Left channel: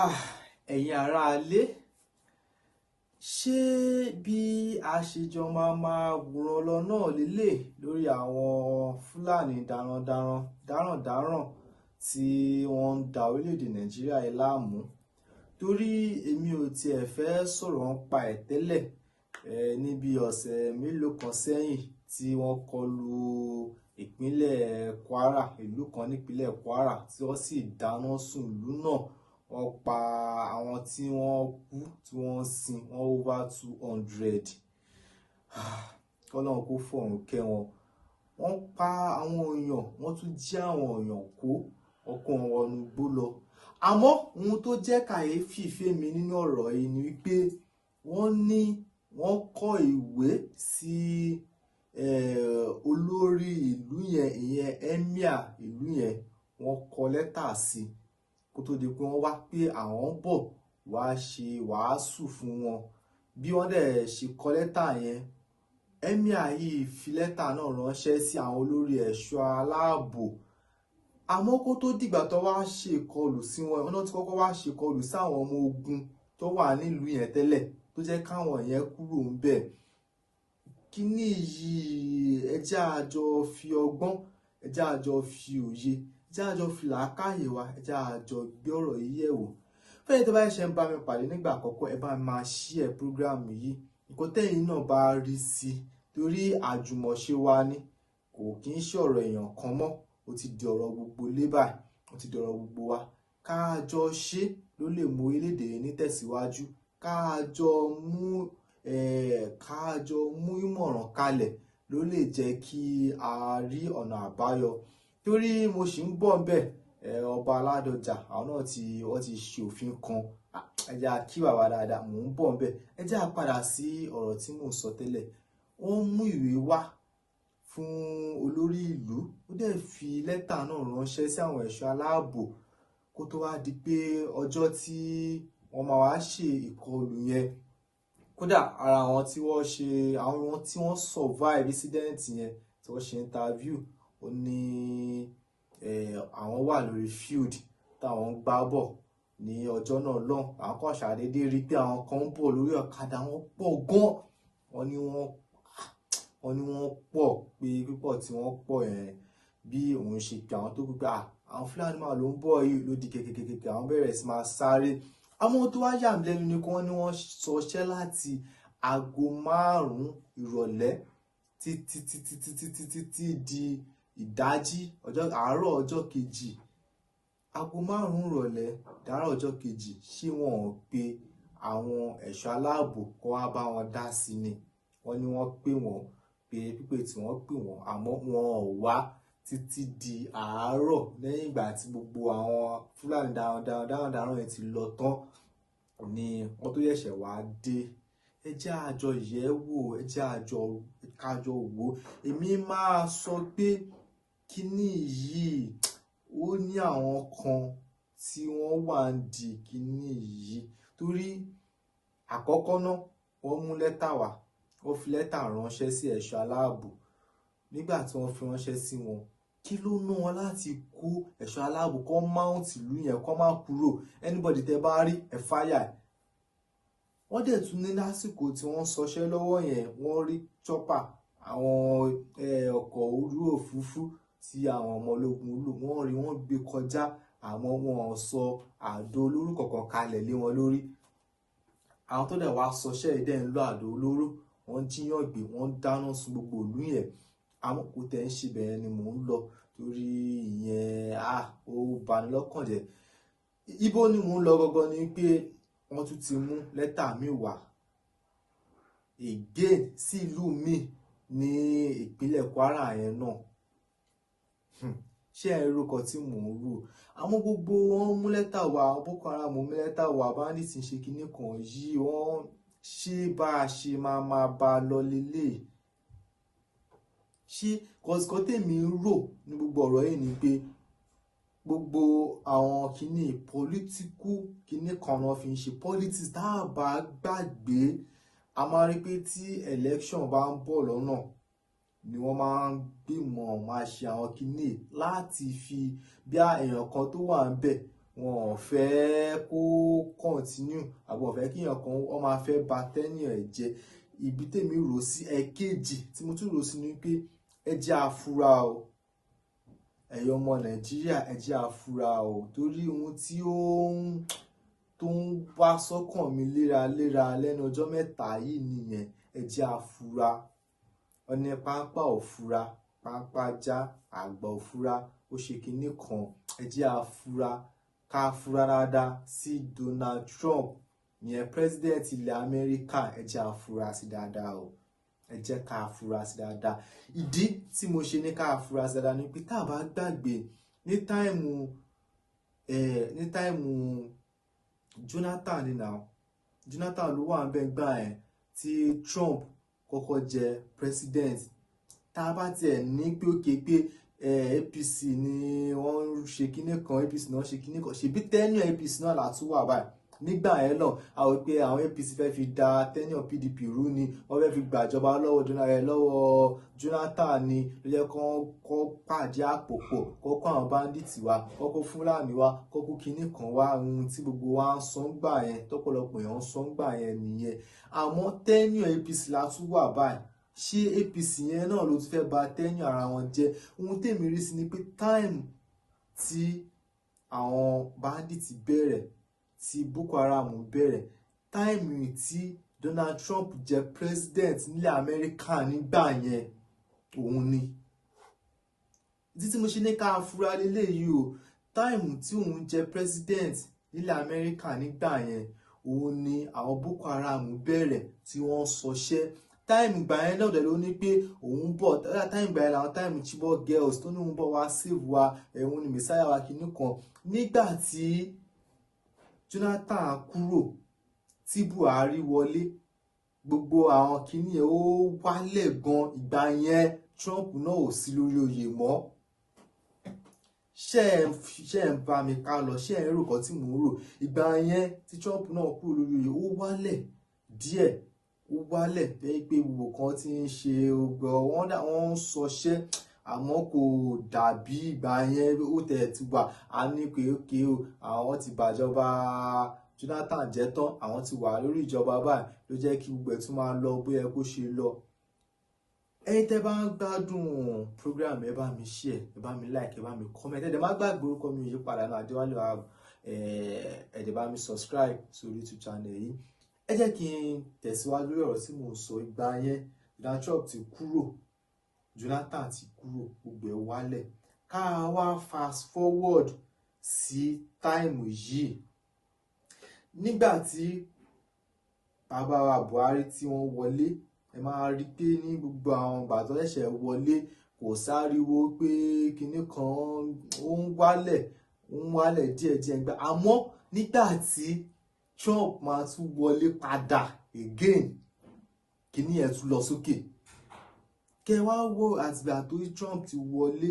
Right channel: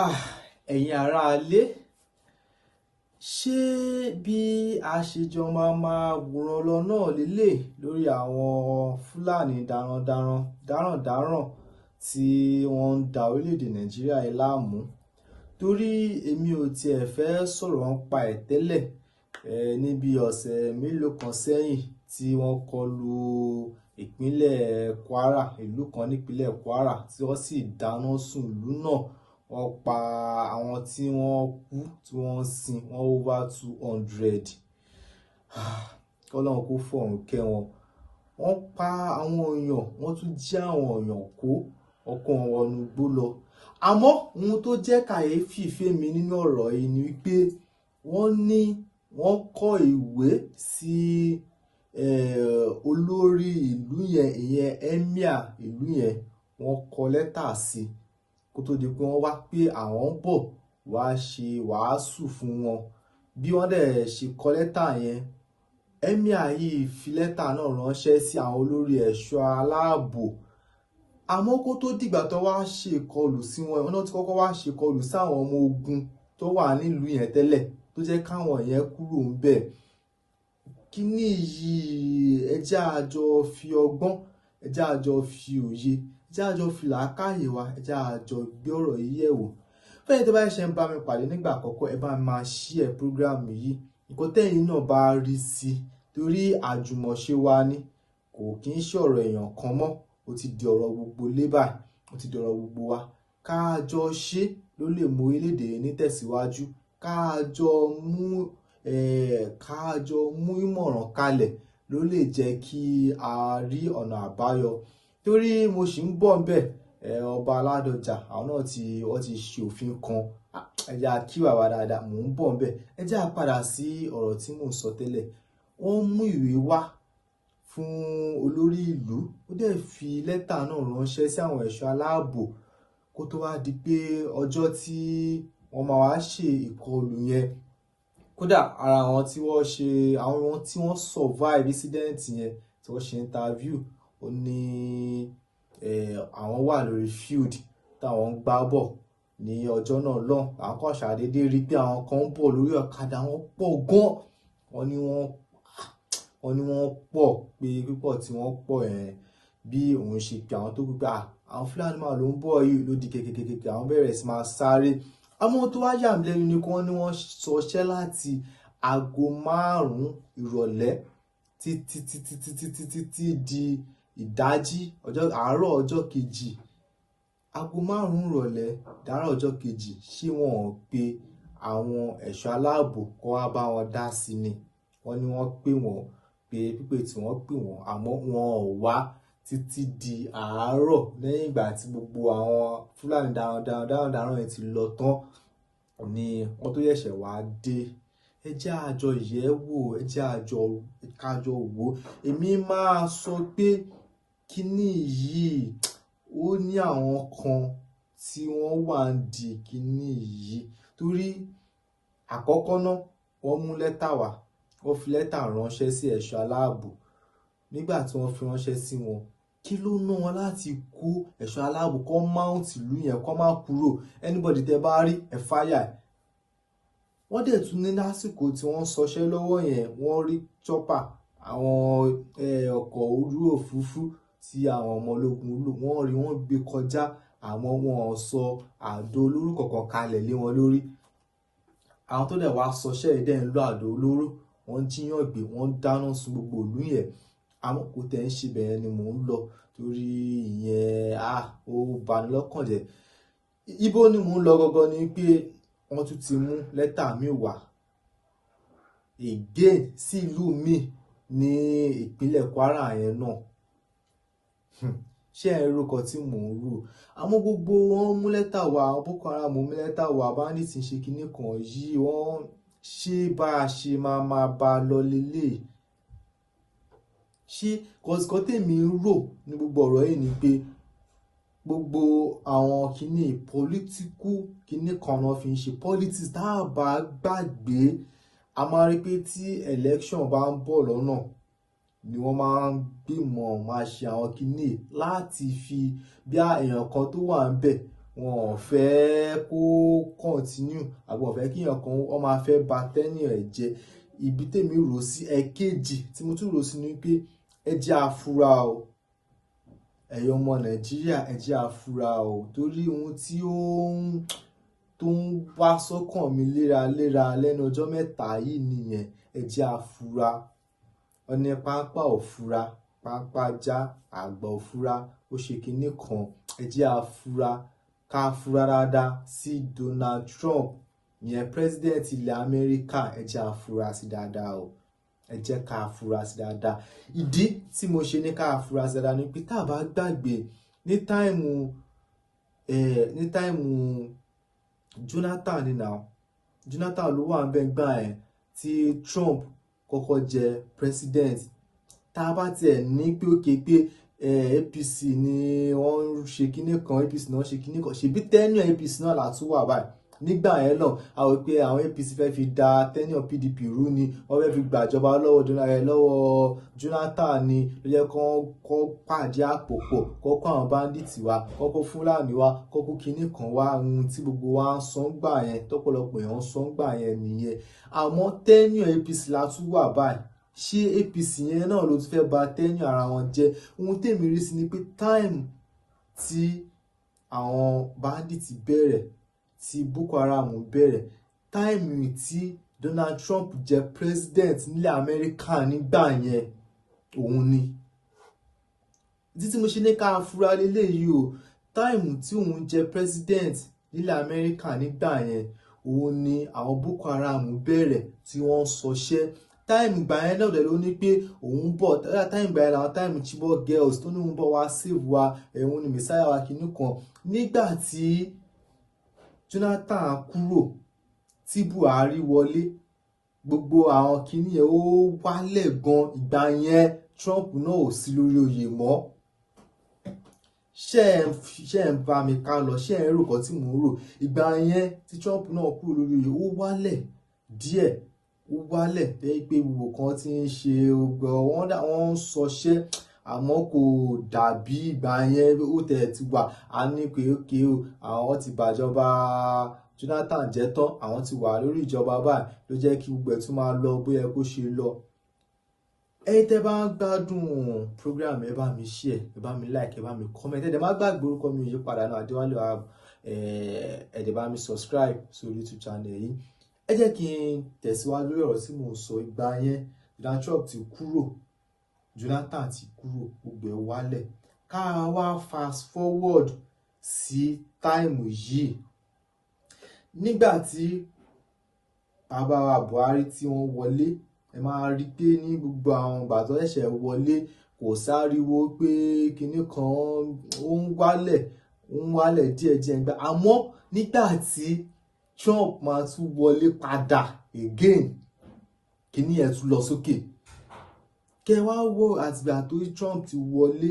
Ah, ẹ̀yin aráalé, ṣé bí a ṣe jọ máa wòran lọ náà lélẹ̀ lórí àwọn Fúlàní darandaran tí wọ́n ń da orílẹ̀-èdè Nàìjíríà yìí láàmú? Torí èmi ò tiẹ̀ fẹ́ sọ̀rọ̀ nípa ẹ̀ tẹ́lẹ̀ níbi ọ̀sẹ̀ mélòó kan sẹ́yìn tí wọ́n kọlu ìpínlẹ̀ Kwara, ìlú kan nípínlẹ̀ Kwara tí wọ́n sì dáná sun ìlú náà. Wọ́n pa àwọn tí wọ́n kú tí wọ́n sin wọ́n over 200. Kọ́lọ́run kó fọ̀run kẹ́ wọn. Wọ́n pa àwọn èèyàn, wọ́n tún jí àwọn èèyàn kó ọkàn wọn wọnú igbó lọ. Àmọ́ ohun tó jẹ́ kàyéfì fèmí nínú ọ̀rọ̀ yìí ni wípé wọ́n kọ ìwé sí olórí ìlú yẹn, ìyẹn emir ìlú yẹn, wọ́n kọ lẹ́tà sí kó tó di pé wọ́n wá pé àwọn ń bọ̀ wá ṣe wàásù fún wọn. Bí wọ́n dẹ̀ ṣe kọ lẹ́tà yẹn, emir yìí fi lẹ́tà náà ránṣẹ́ sí àwọn olórí ẹ̀ṣọ́ aláàbò. Àmọ́ kó tó dìgbà tó wá ṣe ìkọlù sí wọn, wọ́n náà ti kọ́kọ́ wá ṣe ìkọlù sí àwọn ọmọ ogun tó wà nílùú yẹn tẹ́lẹ̀ tó jẹ́ káwọn yẹn kúrò ń bẹ̀. Kíní yìí ẹ jẹ́ a jọ fi ọgbọ́n, ẹ jẹ́ a jọ fi òye, ẹ jẹ́ a jọ fi làákàyè wa, ẹ jẹ́ a jọ gbé ọ̀rọ̀ yìí yẹ̀ wò. Fẹ́yìn tó bá ṣe ń bá mi pàdé nígbà àkọ́kọ́, ẹ bá mi máa share program yìí. Nǹkan tẹ́yin náà bá rí sí torí àjùmọ̀ṣe wa ni, kò kí ń ṣe ọ̀rọ̀ èèyàn kan mọ́, ó ti di ọ̀rọ̀ gbogbo ilé báyìí, ó ti di ọ̀rọ̀ gbogbo wa. Ká jọ ṣe ló lè mú orílẹ̀-èdè ní tẹ̀síwájú. Ká jọ mú ìmọ̀ràn kalẹ̀ ló lè jẹ́ kí a rí ọ̀nà àbáyọ. Torí mo sì ń bọ̀ ńbẹ̀, ọba Aládọjà àwọn náà wọ́n ti ṣe òfin kan. Ẹ jẹ́ a kí bàbá dáadáa, mò ń bọ̀ ńbẹ̀. Ẹ jẹ́ a padà sí ọ̀rọ̀ tí mò ń sọ tẹ́lẹ̀. Wọ́n mú ìwé wá fún olórí ìlú, ó dẹ̀ fi lẹ́tà náà ránṣẹ́ sí àwọn ẹ̀ṣọ́ aláàbò kó tó wá di pé ọjọ́ tí wọ́n máa wá ṣe ìkọlù yẹn. Kódà ara àwọn tí wọ́n survive incident yẹn tí wọ́n ṣe interview, ó ní àwọn wà lórí field táwọn ń gbá bọ̀ ní ọjọ́ náà lọ́hùn. Àwọn kan ṣàdédé rí pé àwọn kan ń bọ̀ lórí ọ̀kadà, wọ́n pọ̀ gan. Wọ́n ní wọ́n pọ̀ pé pípọ̀ tí wọ́n pọ̀ bí òun ṣe pé àwọn tó kú pé àwọn Fúlàní máa ló ń bọ̀ yìí ló di kékeré, àwọn bẹ̀rẹ̀ sí máa sáré. Àmọ́ tó wá yà mí lẹ́nu ni kí wọ́n ní wọ́n ṣọṣẹ́ láti aago 5 ìrọ̀lẹ́ títí di ìdájí àárọ̀ ọjọ́ kejì. Aago 5 ìrọ̀lẹ́ dàárọ̀ ọjọ́ kejì, ṣé wọn ò pe àwọn ẹ̀ṣọ́ aláàbò kó wá bá wọn dá sí ni? Wọ́n ní wọ́n pè wọ́n pé pípé tí wọ́n pè wọ́n, àmọ́ wọn ò wá títí di àárọ̀ lẹ́yìn ìgbà tí gbogbo àwọn Fúlàní darandaran yẹn ti lọ tán ni wọ́n tó ṣẹ̀ṣẹ̀ wá dé. Ẹ jẹ́ a jọ yẹ̀ wò, ẹ jẹ́ ká jọ wò. Èmi máa sọ pé kíní yìí ó ní àwọn kan tí wọ́n wà ń di kíní yìí. Torí àkọ́kọ́ náà wọ́n mú lẹ́tà wá, wọ́n fi lẹ́tà ránṣẹ́ sí ẹ̀ṣọ́ aláàbò. Nígbà tí wọ́n fi ránṣẹ́ sí wọn, kí ló ná wọn láti kó ẹ̀ṣọ́ aláàbò kó mount ìlú yẹn kó má kúrò? Anybody tẹ bá rí ẹ fáyà. Wọ́n dẹ̀ tún ní lásìkò tí wọ́n sọṣẹ́ lọ́wọ́ yẹn, wọ́n rí chopper, àwọn ọkọ̀ ojú òfurufú tí àwọn ọmọ ológun lò, wọ́n gbé kọjá, àmọ́ wọn ò sọ àdó olóró kankan kalẹ̀ lé wọn lórí. Àwọn tó dẹ̀ wá sọṣẹ́ yìí dẹ̀ ń lo àdó olóró, wọ́n jíyàn gbé, wọ́n dáná sun gbogbo ìlú yẹn. Àmọ́ kò tẹ̀ ń ṣe bẹ́ẹ̀ ni mò ń lọ torí ìyẹn ó bani lọ́kàn jẹ́. Ibo ni mò ń lọ gangan ni pé wọ́n tún ti mú lẹ́tà mi wá again sí ìlú mi ní ìpínlẹ̀ Kwara yẹn náà. Ṣé ẹ rò kan tí mò ń rò? Àmọ́ gbogbo wọn mú lẹ́tà wá, Boko Haram mú lẹ́tà wá, bandit ti ṣe kinní kan yìí, wọ́n ṣe bá a ṣe máa bá a lọ lélẹ̀. Ṣé kọ̀sìkọ́ tèmi ń rò ní gbogbo ọ̀rọ̀ yìí ni pé gbogbo àwọn kinní political kinní kan náà fi ń ṣe politics. Tá a bá gbàgbé, a máa rí pé tí election bá ń bọ̀ lọ́nà ni wọ́n máa ń gbìmọ̀ máa ṣe àwọn kinní láti fi bí èèyàn kan tó wà ń bẹ̀ wọn ò fẹ́ kó continue àbí wọn fẹ́ kí èèyàn kan wọ́n máa fẹ́ ba tenure ẹ̀ jẹ́. Ibi tèmi rò sí ẹ̀kejì tí mo tún rò sí ni pé ẹ jẹ́ afura o, ẹ̀yin ọmọ Nàìjíríà ẹ jẹ́ afura o, torí ohun tí tó ń wá sọ́kàn mi léraléra lẹ́nu ọjọ́ mẹ́ta yìí nìyẹn. Ẹ jẹ́ afura, ọ̀nà pápá òfura pápá já, àgbà òfura ó ṣe kinní kan. Ẹ jẹ́ afura, ká fura dáadáa sí Donald Trump, ìyẹn president ilẹ̀ Amẹ́ríkà. Ẹ jẹ́ afura sí dáadáa o, ẹ jẹ́ ká fura sí dáadáa. Ìdí tí mo ṣe ní ká fura sí dáadáa ni pé tá a bá gbàgbé ní táìmù Jonathan ni now, Jonathan ló wà ń bẹ gbà ẹ̀ tí Trump kọ́kọ́ jẹ president. Tá a bá tiẹ̀ ní pé òkè pé APC ni wọ́n ń ṣe kinní kan, APC náà ṣe kinní kan, ṣèbí tenure APC náà látún wà báyìí. Nígbà yẹn náà a wò pé àwọn APC fẹ́ fi da tenure PDP rú ni, wọ́n fẹ́ fi gbàjọba lọ́wọ́ Jonathan ni, ló jẹ́ kó pàdé àpò pọ̀, kó kó àwọn bandits wá, kó kó Fúlàní wá, kó kó kinní kan wá. Ohun tí gbogbo wa ń sọ ń gbà yẹn, tọ́pọ̀lọpọ̀ èèyàn ń sọ ń gbà yẹn nìyẹn. Àmọ́ tenure APC látún wà báyìí. Ṣé APC yẹn náà ló ti fẹ́ ba tenure ara wọn jẹ́? Ohun tèmi rí sí ni pé time tí àwọn bandits bẹ̀rẹ̀, tí Boko Haram bẹ̀rẹ̀, táìmù tí Donald Trump jẹ́ president nílẹ̀ Amẹ́ríkà nígbà yẹn òun ni. Ìdí tí mo ṣe ní ká fura lélẹ́yìí o, táìmù tí òun jẹ́ president nílẹ̀ Amẹ́ríkà nígbà yẹn òun ni àwọn Boko Haram bẹ̀rẹ̀ tí wọ́n sọṣẹ́. Táìmù ìgbà yẹn náà dẹ̀ ló ní pé òun bọ̀, táìmù ìgbà yẹn làwọn táìmù Chibok girls tó ní òun bọ̀ wá save wa, òun ni messiah wa kinní kan. Nígbà tí Jonathan kúrò tí Buhari wọlé, gbogbo àwọn kinní yẹn ó wálẹ̀ gan. Ìgbà yẹn Trump náà ò sí lórí oyè mọ́. ṣé ń bá mi ká lọ, ṣé ń rò kan tí mò ń rò? Ìgbà yẹn tí Trump náà kúrò lórí oyè ó wálẹ̀ díẹ̀, ó wálẹ̀ tẹ́ pé gbogbo kan ti ń ṣe wọ́n ń sọṣẹ́, àmọ́ kò dàbí ìgbà yẹn. Ó tẹ̀ ti wà á ní pé ókè o, àwọn ti bàjọba Jonathan jẹ́ tán, àwọn ti wà lórí ìjọba báyìí, ló jẹ́ kí gbogbo ẹ̀ tún máa lọ bóyá kó ṣe lọ. Ẹ̀yin tẹ́ bá ń gbádùn program, ẹ bá mi share, ẹ bá mi like, ẹ bá mi comment. Ẹ dẹ̀ má gbàgbé orúkọ mi ò yí padà náà, Adéwálé Wahab. Ẹ dẹ̀ bá mi subscribe sórí YouTube channel yìí. Ẹ jẹ́ kí n tẹ̀síwájú lórí ọ̀rọ̀ tí mò ń sọ. Ìgbà yẹn Donald Trump ti kúrò, Jonathan ti kúrò, gbogbo ẹ̀ wálẹ̀. Ká wá fast forward sí táìmù yìí. Nígbà tí bàbá wa Buhari tí wọ́n wọlé, ẹ máa rí pé ní gbogbo àwọn ìgbà tó ṣẹ̀ṣẹ̀ wọlé kò sáriwo pé kinní kan ó ń wálẹ̀ díẹ̀díẹ̀ gbà. Àmọ́ nígbà tí Trump máa tún wọlé padà again, kinní yẹn tún lọ sókè. Kẹ wá wo àtìgbà tó Trump ti wọlé,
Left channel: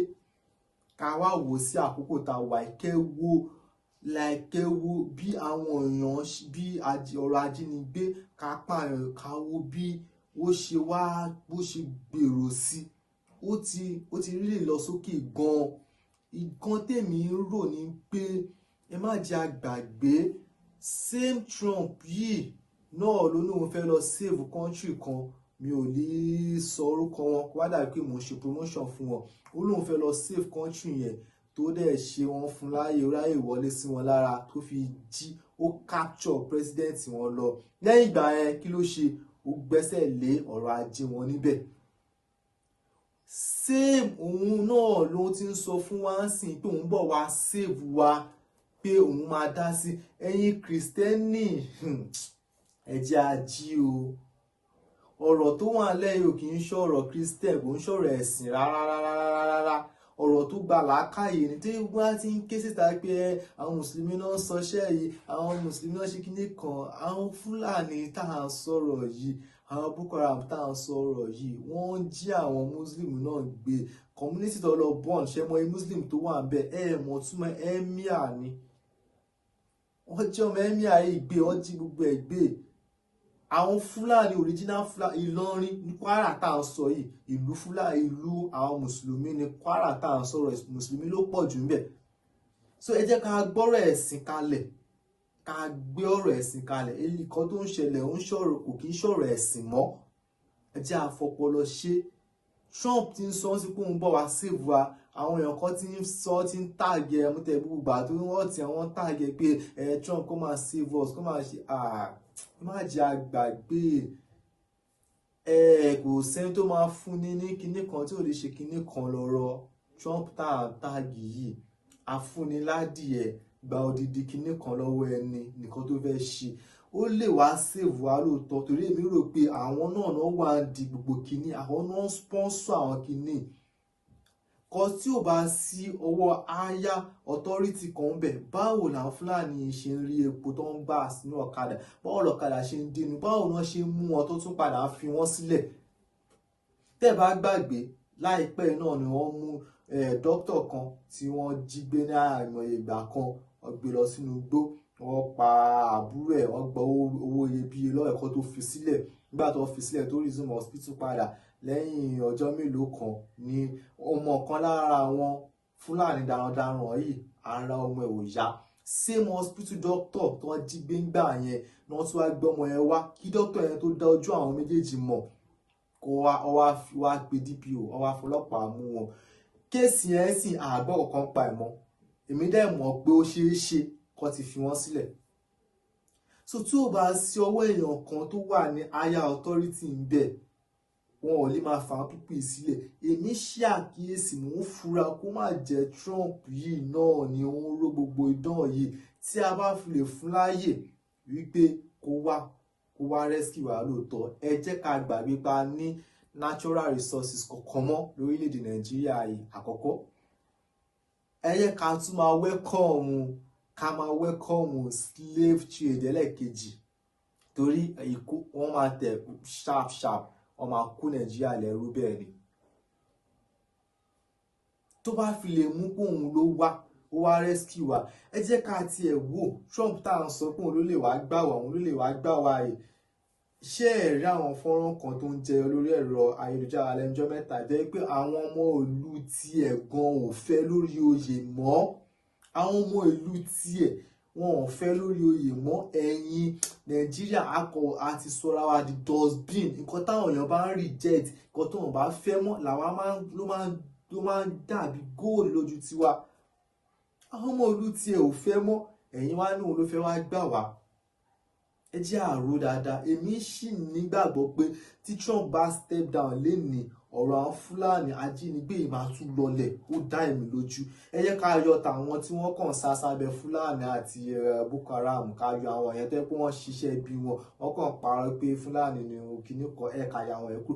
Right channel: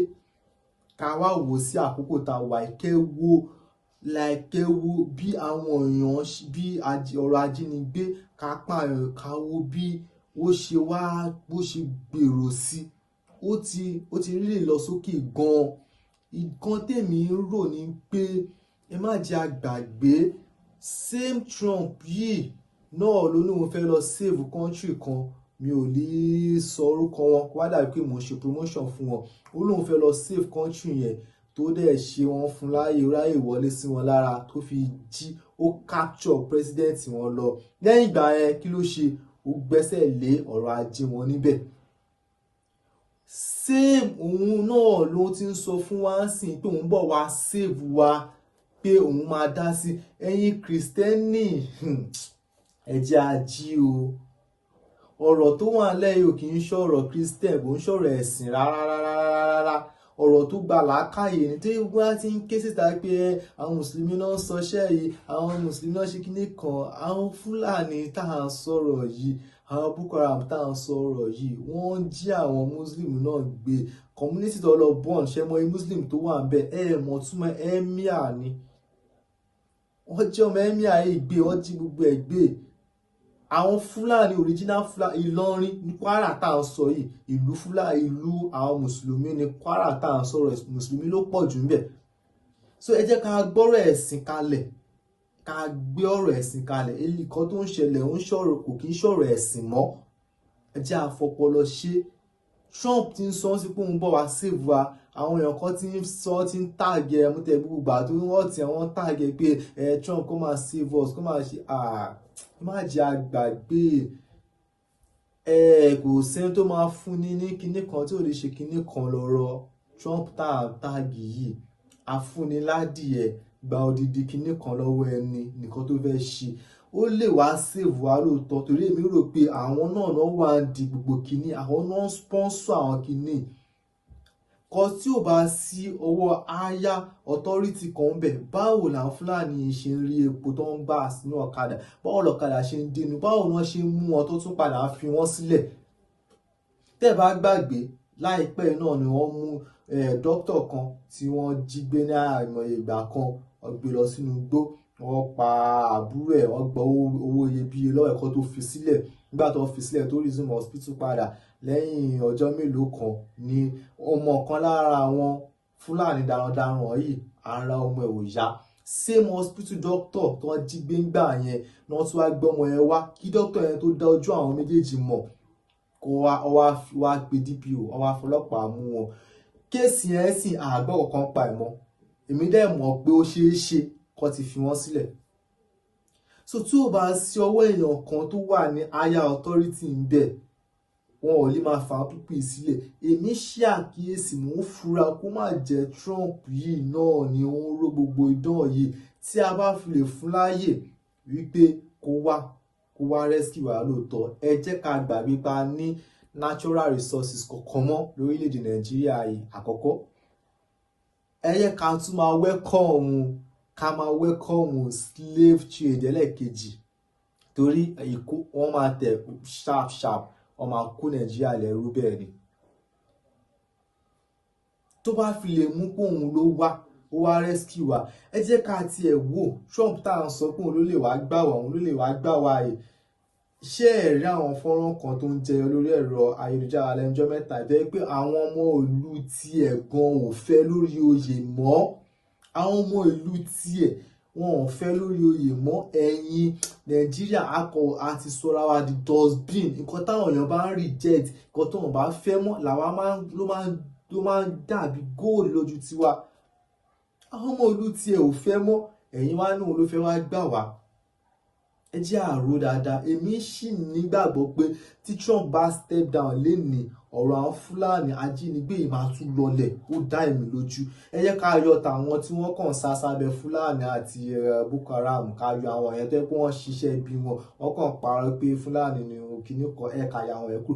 ká wá wò sí àkókò tá a wà, kẹ wo bí àwọn èèyàn, bí ọrọ̀ ajínigbé, ká pààyàn, ká wo bí ó ṣe gbèrò sí. Ó ti rí lọ sókè gan. Nǹkan tèmi ń rò ní pé ẹ má jẹ́ àgbàgbé same Trump yìí náà ló ní òun fẹ́ lọ save country kan. Mi ò lè sọ orúkọ wọn kó wá dàbí pé mò ń ṣe promotion fún wọn. Ó lóun fẹ́ lọ save country yẹn, tó dẹ̀ ṣe wọn fún ráyè wọlé sí wọn lára, tó fi jí ó capture president wọn lọ. Lẹ́yìn ìgbà yẹn kí ló ṣe? Ó gbẹ́sẹ̀ lé ọ̀rọ̀ ajé wọn níbẹ̀. Same òun náà ló ti ń sọ fún wa sìn pé òun bọ̀ wá save wa, pé òun máa dá sí. Ẹ̀yin Kristẹni, ẹ jẹ́ a jí o. Ọ̀rọ̀ tó wà lẹ́yìn ò kì í ṣọ̀rọ̀ Christian, kò ń ṣọ̀rọ̀ ẹ̀sìn rárá. Ọ̀rọ̀ tó gba làákàyè ni, tí wọ́n ti ń ké síta pé àwọn mùsùlùmí náà ń sọṣẹ́ yìí, àwọn mùsùlùmí náà ṣe kinní kan. Àwọn Fúlàní tá à ń sọ̀rọ̀ yìí, àwọn Boko Haram tá à ń sọ̀rọ̀ yìí, wọ́n ń jí àwọn Muslim náà gbé. Community tó lọ bọ́ọ̀n, ṣe mọ Muslim tó wà ń bẹ, mọ̀ túmọ̀ emir ni. Wọ́n jí ọmọ emir yìí gbé, wọ́n jí gbogbo ẹ̀ gbé. Àwọn Fúlàní original Fúlàní Ìlọrin ní Kwara tá à ń sọ yìí, ìlú Fúlàní, ìlú àwọn mùsùlùmí ní Kwara tá à ń sọ̀rọ̀, mùsùlùmí ló pọ̀ jù ńbẹ̀. so ẹ jẹ́ ká gbọ́rọ̀ ẹ̀sìn kalẹ̀, ká gbé ọ̀rọ̀ ẹ̀sìn kalẹ̀. Èyí kan tó ń ṣẹlẹ̀ ń ṣọ̀rọ̀ kò kí ń ṣọ̀rọ̀ ẹ̀sìn mọ́. Ẹ jẹ́ àfọpọlọ ṣe. Trump ti ń sọ sí pé òun bọ̀ wá save wa, àwọn èèyàn kan ti ń sọ, ti ń tàgé ẹ mútẹ gbogbo ìgbà tó wọ́n ti àwọn tàgé pé Trump kó máa save us, kó máa ṣe má jẹ́ àgbàgbé. Kò sẹ́ni tó máa fún ní kinní kan tí ò lè ṣe kinní kan lọ́rọ̀ Trump tàgé yìí. Afúniládìẹ gba odidi kinní kan lọ́wọ́ ẹni nìkan tó fẹ́ ṣe. Ó lè wá save wa lóòótọ́, torí èmi rò pé àwọn náà wà di gbogbo kinní, àwọn náà sponsor àwọn kinní. Kò tí ò bá sí ọwọ́ aya authority kan bẹ̀, báwo làwọn Fúlàní ṣe ń rí epo tó ń gbà sínú ọ̀kadà, báwo lọ̀kadà ṣe ń dínú, báwo náà ṣe ń mú wọn tó tún padà fi wọ́n sílẹ̀. Tẹ́ bá gbàgbé, láìpẹ́ náà ni wọ́n mú dókítà kan tí wọ́n jí gbé ní àìmọye ìgbà kan, wọ́n gbé lọ sínú igbó, wọ́n pa àbúrò ẹ̀, wọ́n gbọ́ owó iyebíye lọ́wọ́ ẹ̀kọ́ tó fi sílẹ̀. Nígbà tó fi sílẹ̀ tó resume hospital padà lẹ́yìn ọjọ́ mélòó kan ni ọmọ kan lára àwọn Fúlàní darandaran yìí ara ọmọ ẹ̀ ò yá. Same hospital doctor tó jí gbé ńgbà yẹn ni wọ́n tún wá gbé ọmọ yẹn wá kí doctor yẹn tó dá ojú àwọn méjèèjì mọ̀, kó wá pe DPO, wọ́n wá fọlọ́pàá mú wọn. Kéèsì yẹn sì àgbọ̀ kankan pa ẹ̀ mọ́. Èmi dẹ̀ mọ̀ pé ó ṣeé ṣe kó ti fi wọ́n sílẹ̀. So tí ò bá sí ọwọ́ èèyàn kan tó wà ní higher authority ń bẹ̀, wọn ò lè máa fà á pípé sílẹ̀. Èmi ṣe àkíyèsí, mò ń fura kó má jẹ́ Trump yìí náà ni ó ń ró gbogbo idán yìí. Tí a bá fi lè fún láàyè wípé kó wá rescue wa lóòótọ́, ẹ jẹ́ ká gbàgbé pa ní natural resources kọ̀ọ̀kan mọ́ lórílẹ̀‐èdè Nàìjíríà yìí. Àkọ́kọ́, ẹ jẹ́ ká tún máa welcome slave trade ẹlẹ́ẹ̀kejì, torí wọ́n máa tẹ̀ sharp wọ́n máa kó Nàìjíríà lẹ́rú bẹ́ẹ̀ ni. Tó bá fi lè mú pé òun ló wá rescue wa, ẹ jẹ́ ká tiẹ̀ wò Trump tá à ń sọ pé òun ló lè wá gbà wá, òun ló lè wá gbà wá yìí. Ṣé ẹ rí àwọn fọ́nrán kan tó ń jẹyọ lórí ẹ̀rọ ayélujára lẹ́nujọ́ mẹ́ta jẹ́ pé àwọn ọmọ ìlú tiẹ̀ gan ò fẹ́ lórí oyè mọ́. Àwọn ọmọ ìlú tiẹ̀ wọn ò fẹ́ lórí oyè mọ́. Ẹ̀yin Nàìjíríà àti sọra wa di dustbin. Nǹkan táwọn èèyàn bá ń reject, nǹkan tó wọn bá fẹ́ mọ́ làwa ló máa ń dàbí gold lójú tiwa. Àwọn ọmọ ìlú tiẹ̀ ò fẹ́ mọ́, ẹ̀yin wá ní òun ló fẹ́ wá gbà wá. Ẹ jẹ́ àrò dáadáa. Èmi sì nígbàgbọ́ pé tí Trump bá step down lénìí, ọ̀rọ̀ àwọn Fúlàní ajínigbé yìí máa tún lọlẹ̀, ó dá èmi lójú. Ẹ jẹ́ ká yọ tàwọn tí wọ́n kàn sá sábẹ́ Fúlàní àti Boko Haram, ká yọ àwọn èèyàn tó yẹ pé wọ́n ṣiṣẹ́ bí wọ́n kàn parọ́ pé Fúlàní ni kinní kan, ẹ̀ka ya àwọn ẹ̀kú.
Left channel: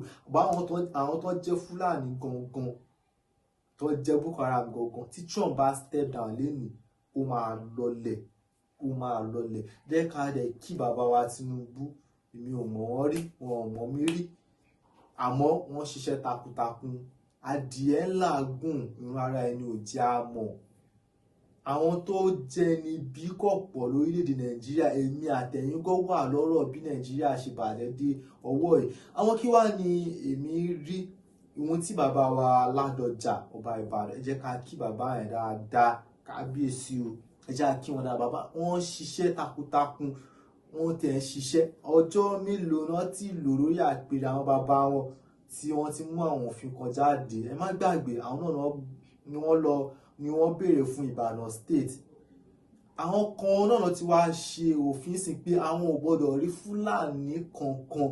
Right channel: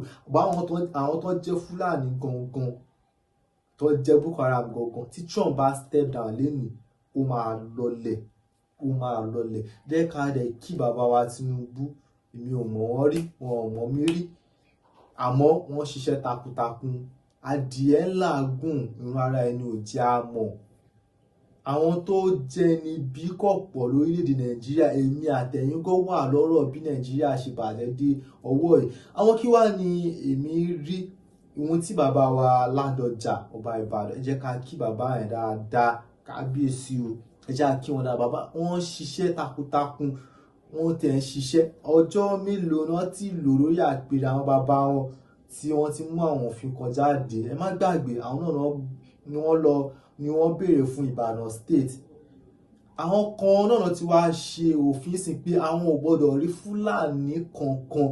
Àwọn tó jẹ́ Fúlàní gangan, tó jẹ́ Boko Haram gangan, tí Trump bá step down lénìí, ó máa lọlẹ̀. Jẹ́ ká dẹ̀ kí bàbá wa Tinubu. Èmi ò mọ̀ wọ́n rí, wọn ò mọ̀ mí rí, àmọ́ wọ́n ṣiṣẹ́ takuntakun. Adìẹ làágùn, irun ara ẹni ò jẹ́ àmọ́. Àwọn tó jẹ́ ní bí kọ̀pọ̀ lórílẹ̀‐èdè Nàìjíríà, èmi àtẹ̀yìn gan wà lọ́rọ̀ bí Nàìjíríà ṣe bàjẹ́ dé ọwọ́ yìí. Àwọn kí wá ni èmi rí ohun tí bàbá wa Ládọjà Ọba Ìbàdàn, ẹ jẹ́ ká kí bàbá yẹn dáadáa, kábíyèsí o. Ẹ jẹ́ kí wọn dáa, bàbá wọn ṣiṣẹ́ takuntakun, wọn tẹ̀ ń ṣiṣẹ́. Ọjọ́ mélòó náà tí lò lórí àpèrè àwọn bàbá wọn tí wọ́n ti mú àwọn òfin kan jáde. Ẹ má gbàgbé, àwọn náà ni wọ́n béèrè fún Ìbàdàn state. Àwọn kan náà ti wá ṣe òfin sí pé àwọn ò gbọ́dọ̀ rí Fúlàní kankan.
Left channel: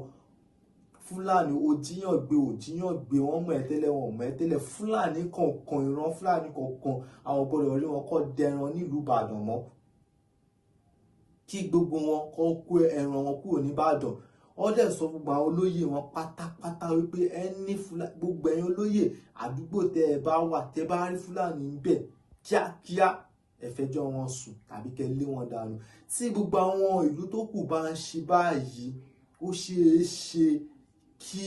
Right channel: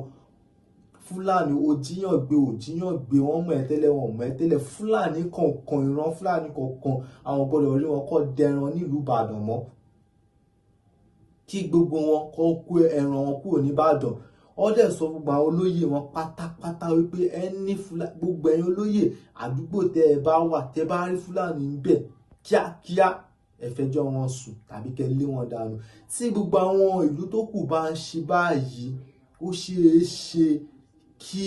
Fúlàní òjíyàngbé wọ́n mọ̀ ẹ́ tẹ́lẹ̀, wọ́n mọ̀ ẹ́ tẹ́lẹ̀. Fúlàní kankan, ìran Fúlàní kankan, àwọn gbọ́dọ̀ rí wọn kọ́ dẹran nílùú Ìbàdàn mọ́. Kí gbogbo wọn kọ́ kó ẹran wọn kúrò ní Ìbàdàn. Wọ́n dẹ̀ sọ gbogbo àwọn olóyè wọn pátápátá wípé gbogbo ẹ̀yin olóyè àdúgbò tẹ́ ẹ bá wà, tẹ́ bá rí Fúlàní ń bẹ̀, kíákíá ẹ fẹjọ́ wọn sùn tàbí kẹ́ lé wọn dànù. Tí gbogbo àwọn ìlú tó kù bá ń ṣe báyìí, ó ṣeé ṣe kí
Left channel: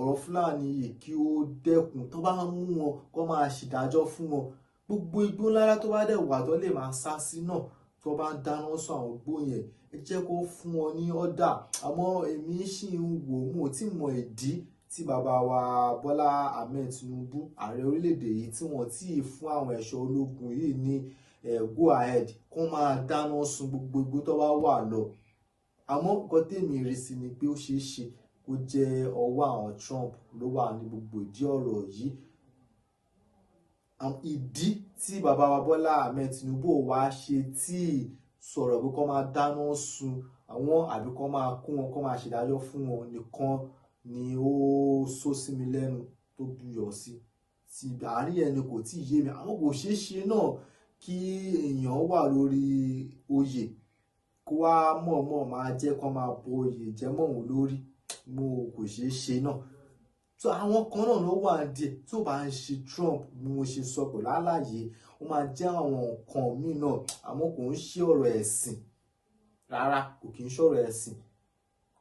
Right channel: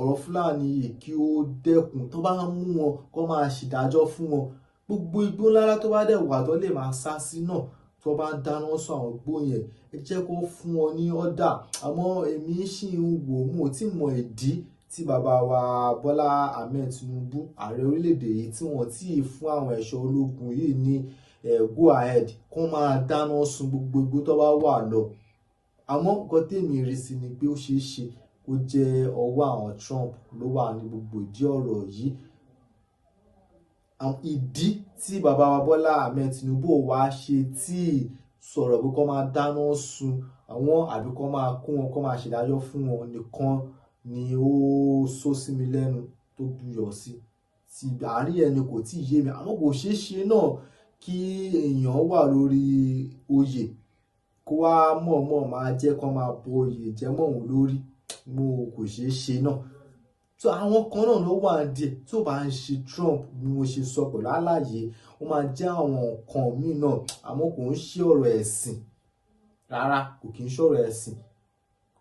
ọ̀rọ̀ Fúlàní yìí kí ó dẹ́kun. Tó bá mú wọn kó máa ṣèdájọ́ fún wọn. Gbogbo igbó ńlá tó bá dẹ̀ wà tó lè máa sá sí náà, tó bá dáná sọ àwọn igbó yẹn, ẹ jẹ́ kó fún wọn ní ọ̀dà. Àmọ́ èmi sì ń wò, mo tí mọ ìdí tí bàbá wa Bọ́lá Ahmed Tinubu, ààrẹ orílẹ̀-èdè yìí, tí wọ́n ti fún àwọn ẹ̀ṣọ́ ológun yìí ní go ahead kó máa dáná sun gbogbo igbó tó bá wà lọ. Àmọ́ nǹkan tèmi rí sí ni pé ó ṣeé ṣe kó jẹ́ ọwọ́ àwọn Trump ló wà ní gbogbo ìdí ọ̀rọ̀ yìí. Ìdí tí bàbá wa Bọ́lá Ahmed Tinubu wá ṣe tí sọ̀rọ̀ pé kó máa dáná sun àwọn àbí kó máa kó wọn kó máa ṣèdájọ́ fún wọn nìkan ni ó sọ sí mi lẹ́nu tó buyọ̀ sí. Ti àárín ẹni kò tí ì yé mi, àmọ́ kò ṣeé ṣe náà kí èèyàn wà lórí oyè kó wá mọ̀ọ́mọ̀ máa jẹ́ kó máa bo oyè jẹ́ mọ́ òun lórí. Kò ṣeé ṣe náà. So àwọn kan náà ló wà díẹ̀ tó bá ń ṣe Trump bí mo ṣe sọ pẹ̀lú àlàyé, ó máa jẹ́ àwọn nǹkan míì náà, àmọ́ kò ń ṣe ọ̀rọ̀ ẹ̀sìn rárá, kò kí ń ṣọ̀rọ̀ ẹ̀sìn,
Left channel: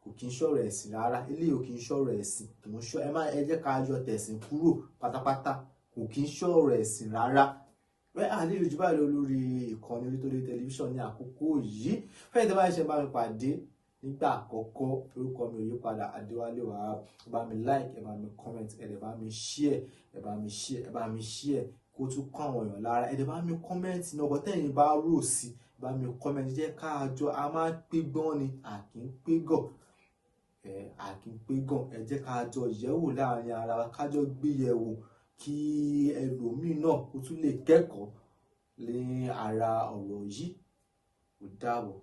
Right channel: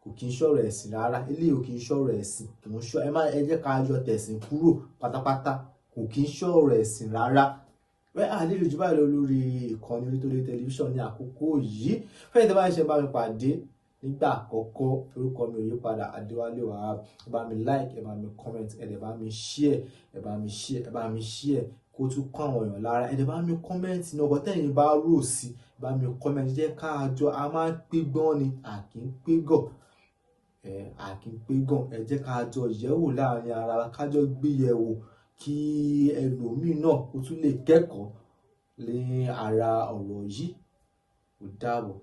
kò kí ń ṣọ̀rọ̀ ẹ̀sìn rárá. Eléyìí ò kí ń ṣọ̀rọ̀ ẹ̀sìn, kò ń ṣọ ẹ jẹ́ ká yọ tẹ̀sìn kúrò pátápátá, kò kí ń ṣọ̀rọ̀ ẹ̀sìn rárá. Àlejò jù báyìí lọ lórí ìkànnì Orítórí tẹlifíṣàn ní àkókò yìí. Fẹ́yìntì bá ṣe bá mi pàdé nígbà àkọ́kọ́, orúkọ mi ò yí padà, Adéwálé Wahab. Ẹ bá mi like, ẹ bá mi comment, ẹ dẹ̀ bá mi share, ẹ bá mi share, ẹ bá mi share kó tún kọ́ àwọn èèyàn lára. Ẹ dẹ̀ bá mi comment ní ọkọ̀ tẹ́yìn bá rò sí, ẹ bá mi comment. Jẹ́ ká jọ, a máa ń pé gan ni, a kì í pé gàn. A kì í pé gàn. Ẹ jẹ́ ká jọ yẹ̀wò láàrin ara wa, ká jọ gbé yẹ̀wò kí ẹlòmíì náà ó tún lè kẹ́kọ̀ọ́ ní ara ọ̀rọ̀ yìí. Ó dàbọ̀.